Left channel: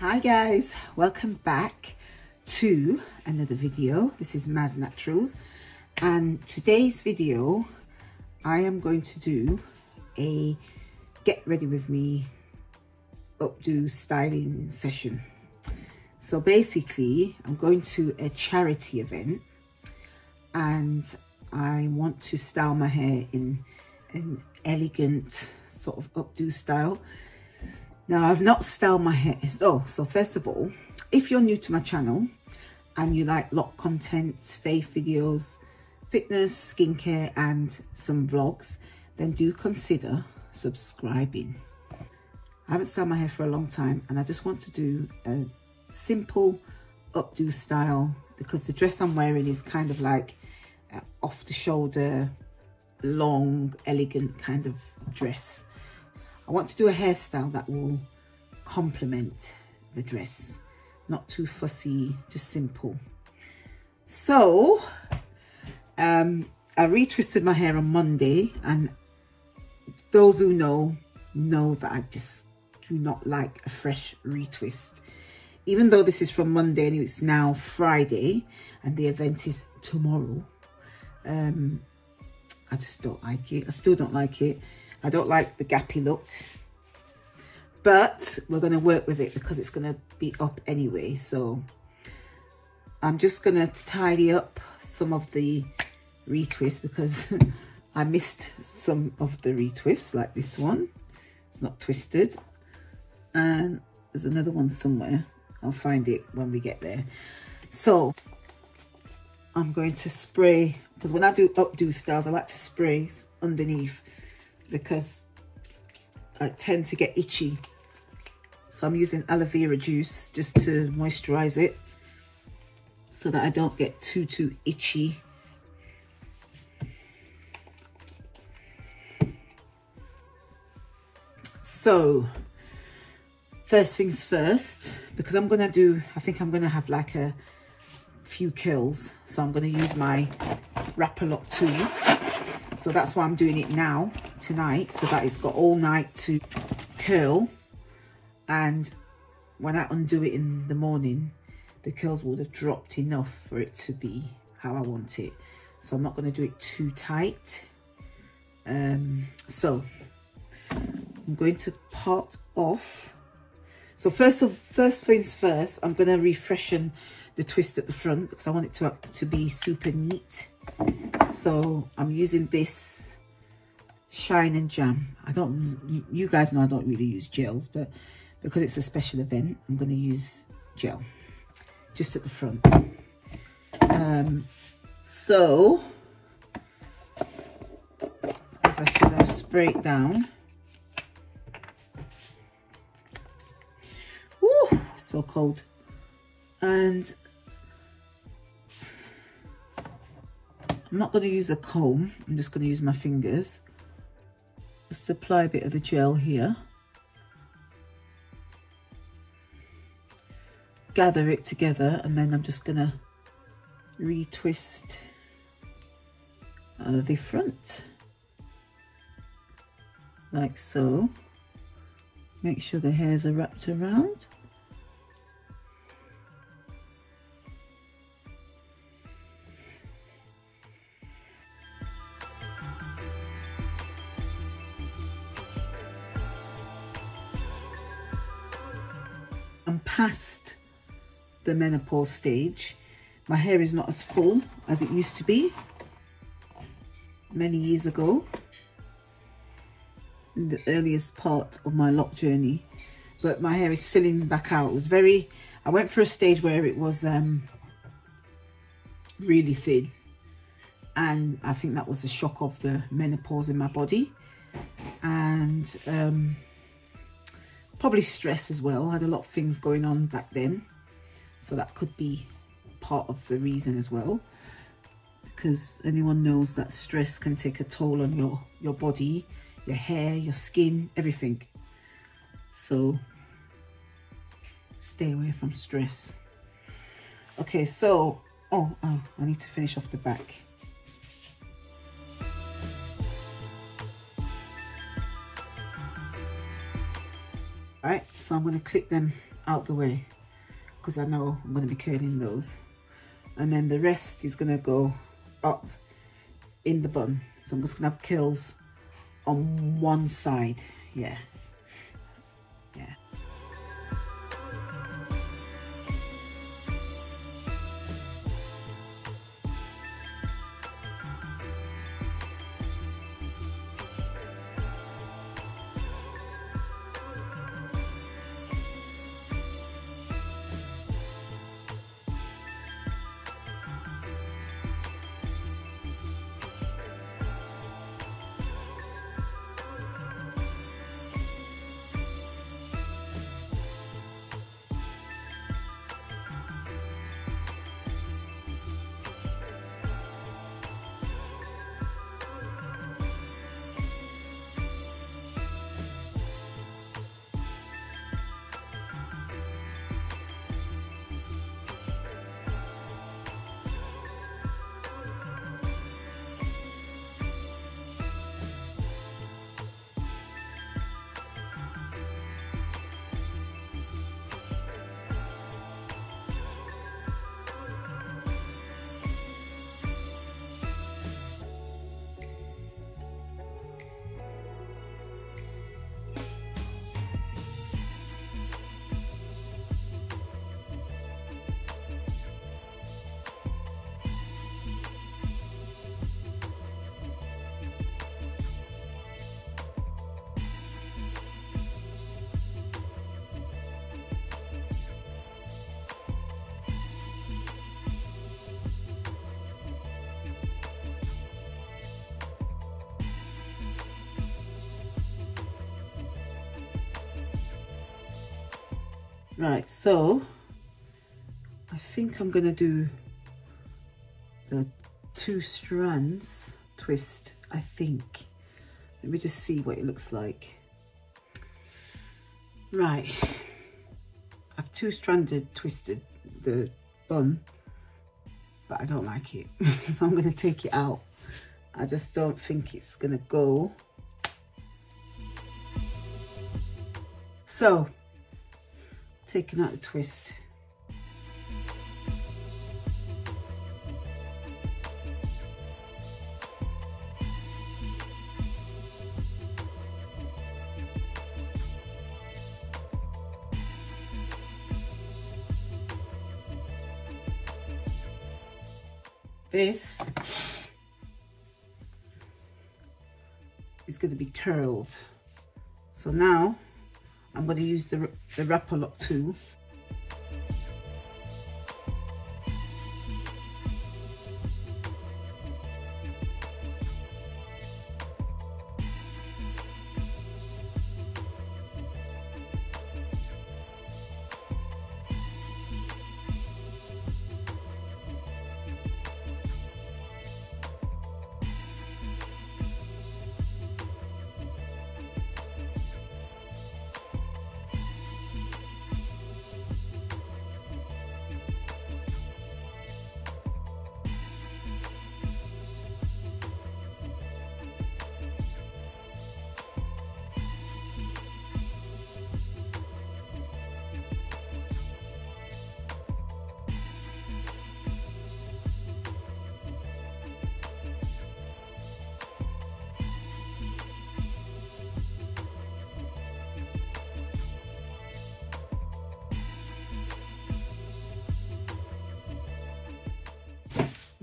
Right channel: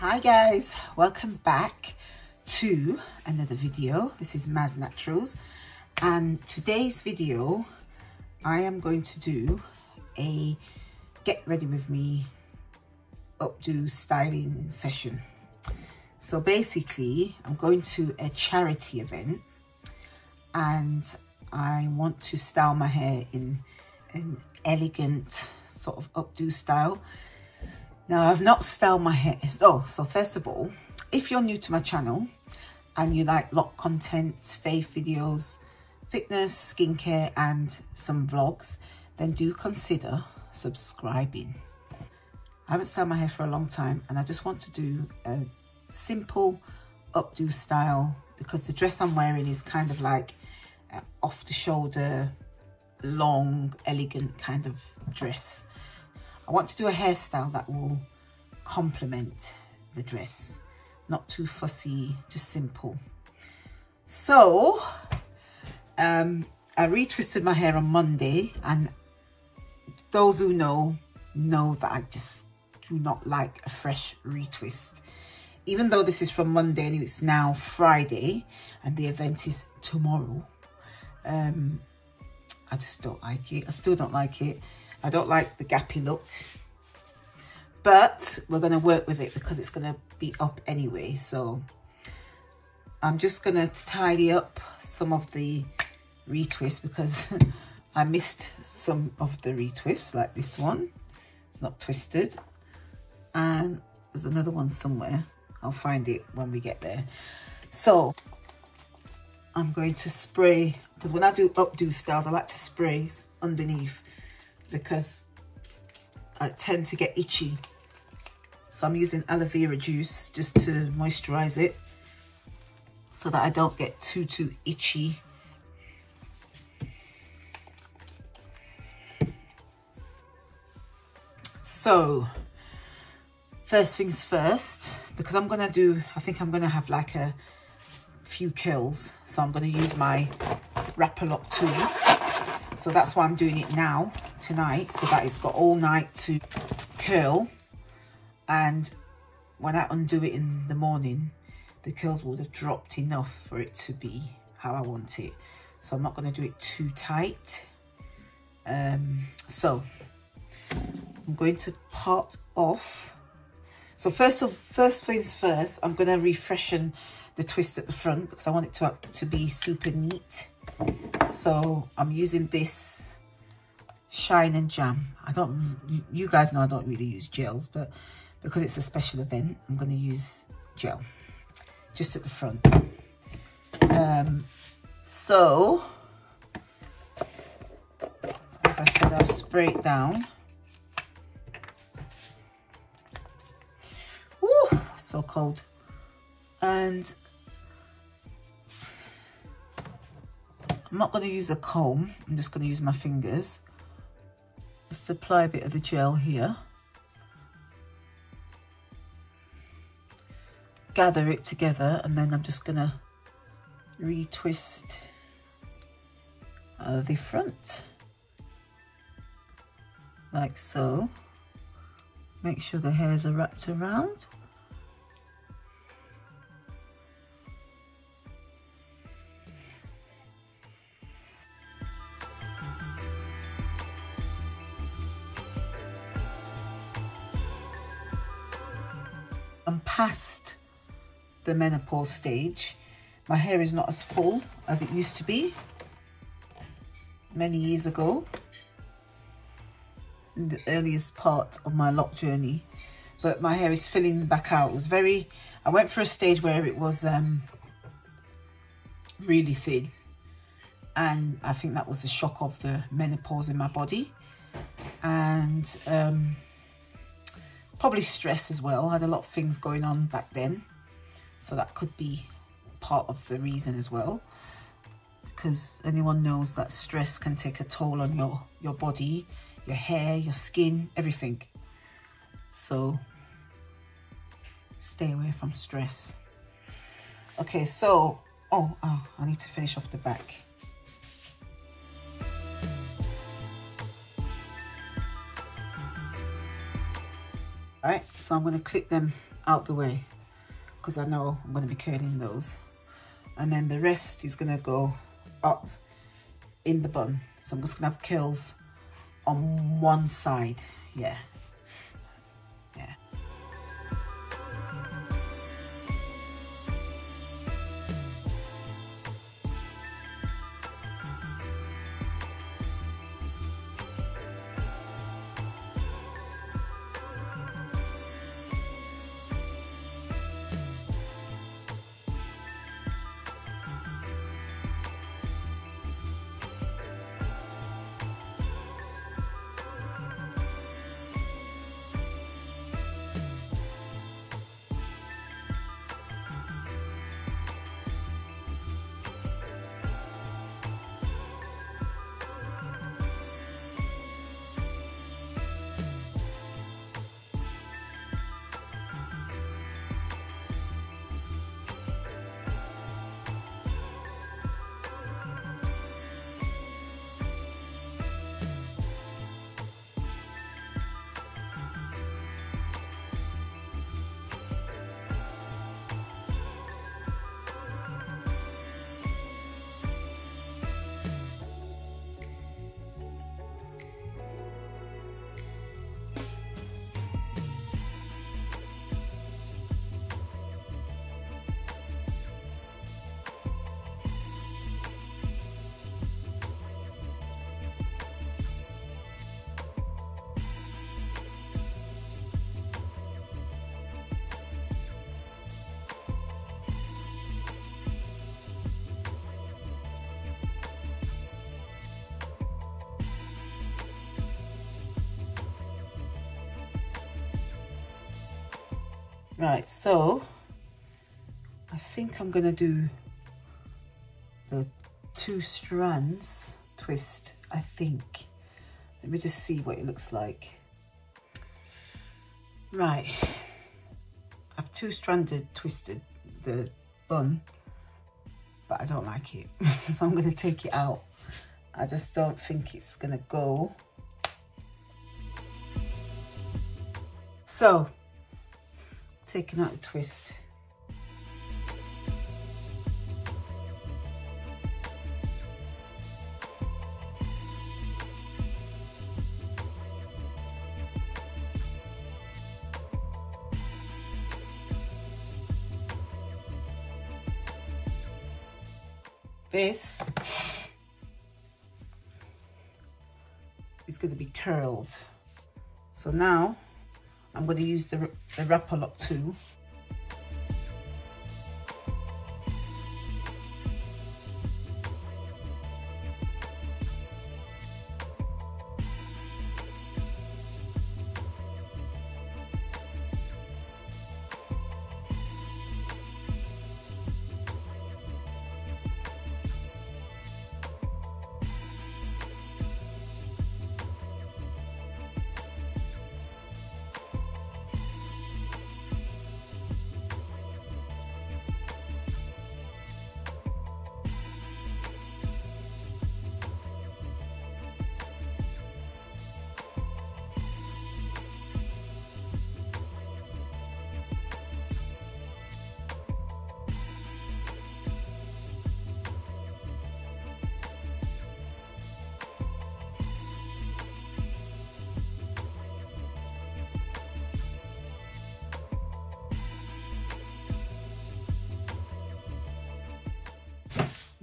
Hi guys, welcome back to another video. This is Maz Naturals, and today's video I am going to do a get ready with me updo styling session. So basically I'm going to a charity event and I want to style my hair in an elegant sort of updo style. Now, I've not styled my hair. So first of all, if you're new to my channel and you like loc content, faith videos, fitness, skincare, and some vlogs, then do consider subscribing. I haven't styled my hair for a long time and I just want to do a simple updo style because the dress I'm wearing is kind of like off the shoulder, long, elegant kind of dress. I want to do a hairstyle that will complement the dress, not too fussy, just simple. So I retwisted my hair on Monday, and those who know that I just do not like a fresh retwist. Even though this is from Monday and it's now Friday and the event is tomorrow, I just don't like it. I still don't like it. I don't like the gappy look, but we're going to work with it because it's going to be up anyway. So I'm just going to tidy up some of the retwists because I missed some of the retwists, like this one. It's not twisted. And there's another one somewhere. I'll find it when we get there. So I'm going to spray, because when I do updo styles, I like to spray underneath because I tend to get itchy. So I'm using aloe vera juice just to moisturize it so that I don't get too itchy. So first things first, because I'm gonna do, I think I'm gonna have like a few curls, so I'm going to use my wrapper lock tool. So that's why I'm doing it now tonight, so that it's got all night to curl, and when I undo it in the morning the curls would have dropped enough for it to be how I want it. So I'm not going to do it too tight. So I'm going to part off. So first things first, I'm going to refreshen the twist at the front because I want it to be super neat. So I'm using this Shine and Jam. You guys know I don't really use gels, but because it's a special event, I'm going to use gel just at the front. So as I said, I'll spray it down. Ooh, so cold. And I'm not going to use a comb, I'm just going to use my fingers. Just apply a bit of the gel here. Gather it together, and then I'm just going to retwist the front. Like so. Make sure the hairs are wrapped around. I'm past the menopause stage. My hair is not as full as it used to be many years ago, in the earliest part of my loc journey, but my hair is filling back out. It was I went for a stage where it was really thin, and I think that was the shock of the menopause in my body, and probably stress as well. I had a lot of things going on back then, so that could be part of the reason as well, because anyone knows that stress can take a toll on your body, your hair, your skin, everything. So stay away from stress. Okay, so oh I need to finish off the back. All right, so I'm going to clip them out the way because I know I'm going to be curling those, and then the rest is going to go up in the bun. So I'm just going to have curls on one side. Yeah. Right, so I think I'm gonna do the 2 strands twist, I think. Let me just see what it looks like. Right, I've 2-stranded twisted the bun, but I don't like it. So I'm gonna take it out. I just don't think it's gonna go. So, taking out the twist. This is going to be curled. So now I'm going to use the wrapper lock tool.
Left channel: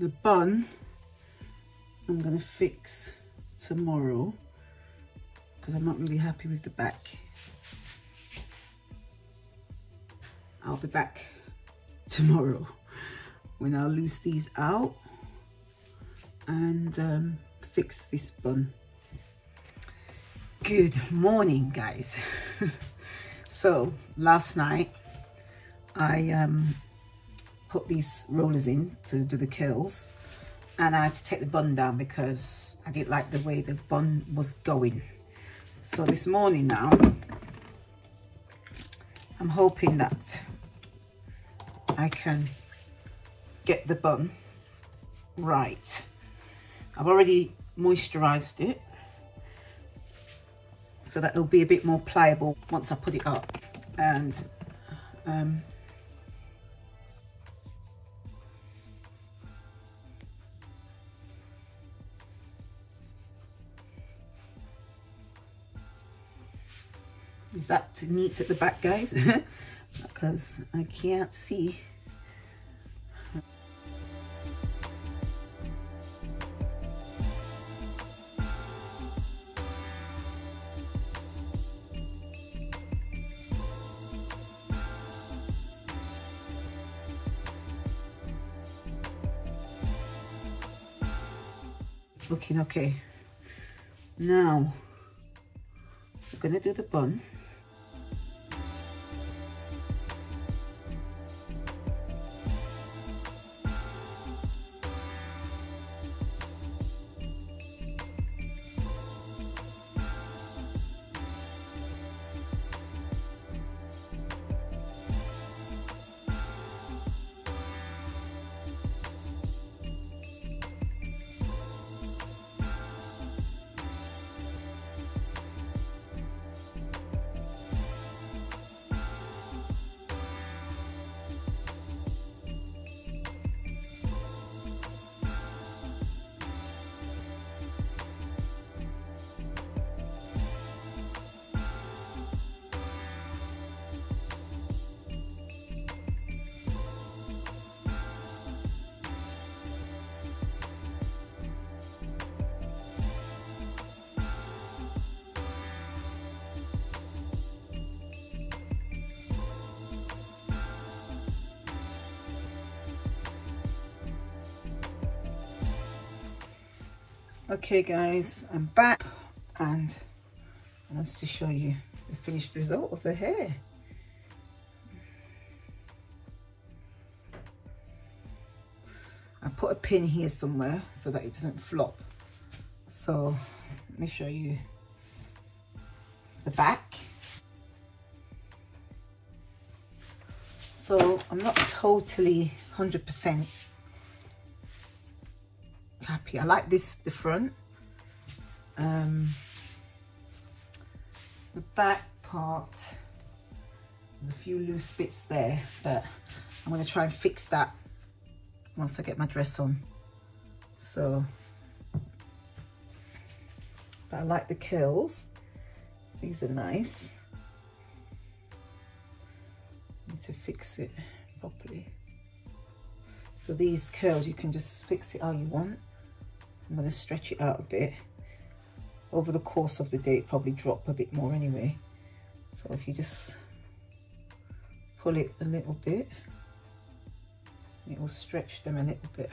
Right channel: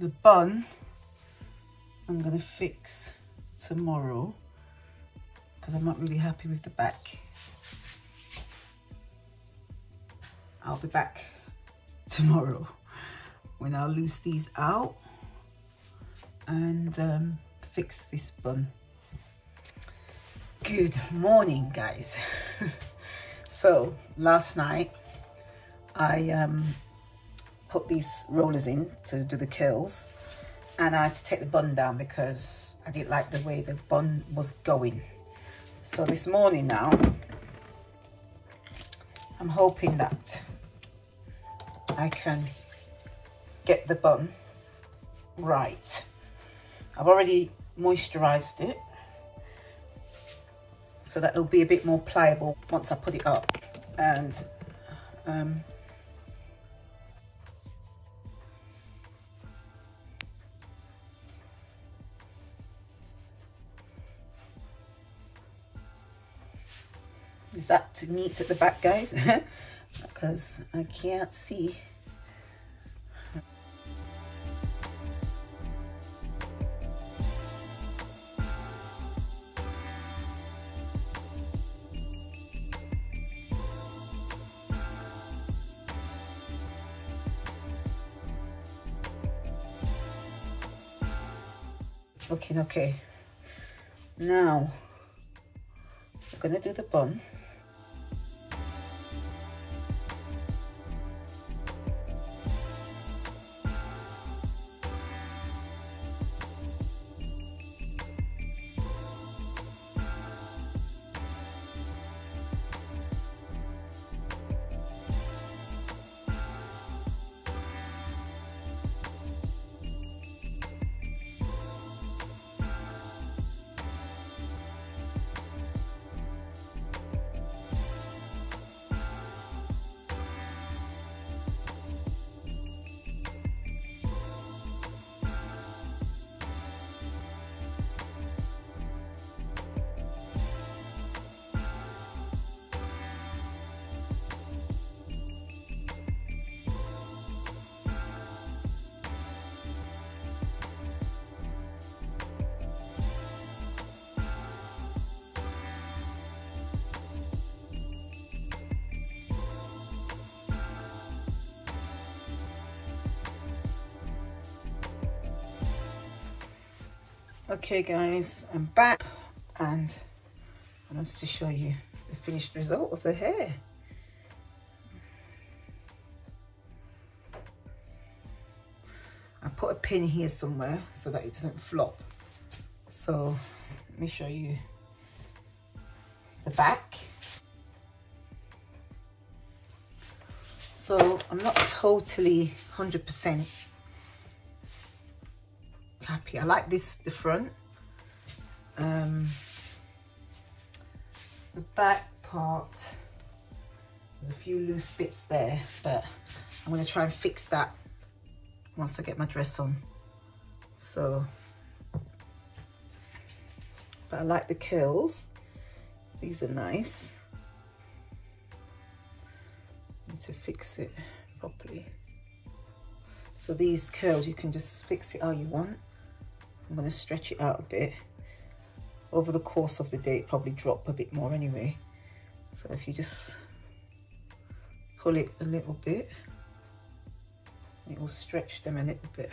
The bun I'm going to fix tomorrow because I'm not really happy with the back. I'll be back tomorrow when I'll loose these out and fix this bun. Good morning, guys. So last night I put these rollers in to do the curls, and I had to take the bun down because I didn't like the way the bun was going. So this morning now, I'm hoping that I can get the bun right. I've already moisturized it so that it'll be a bit more pliable once I put it up, and Is that neat at the back, guys? Because I can't see. Looking okay. Now we're gonna do the bun. Okay guys, I'm back and I wanted to show you the finished result of the hair. I put a pin here somewhere so that it doesn't flop. So let me show you the back. So I'm not totally 100% happy. I like this, the front. The back part, there's a few loose bits there, but I'm going to try and fix that once I get my dress on. So, but I like the curls. These are nice. Need to fix it properly. So these curls, you can just fix it how you want. I'm going to stretch it out a bit. Over the course of the day, it probably drop a bit more anyway. So if you just pull it a little bit, it will stretch them a little bit.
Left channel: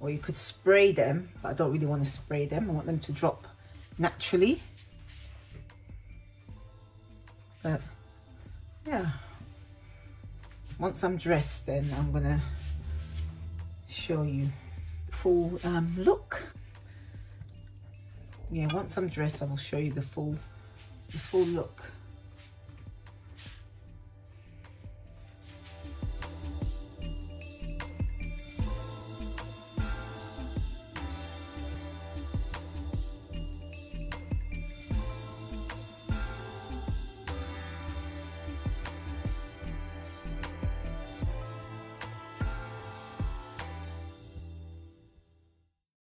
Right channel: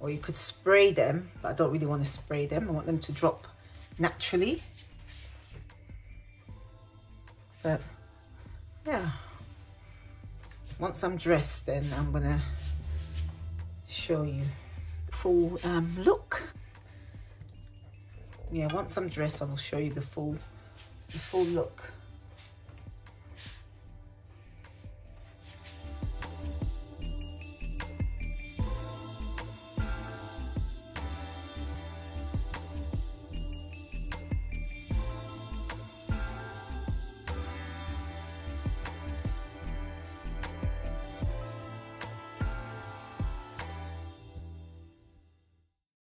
Or you could spray them, but I don't really want to spray them. I want them to drop naturally. But yeah, once I'm dressed, then I'm gonna show you the full look. Yeah, once I'm dressed, I will show you the full look.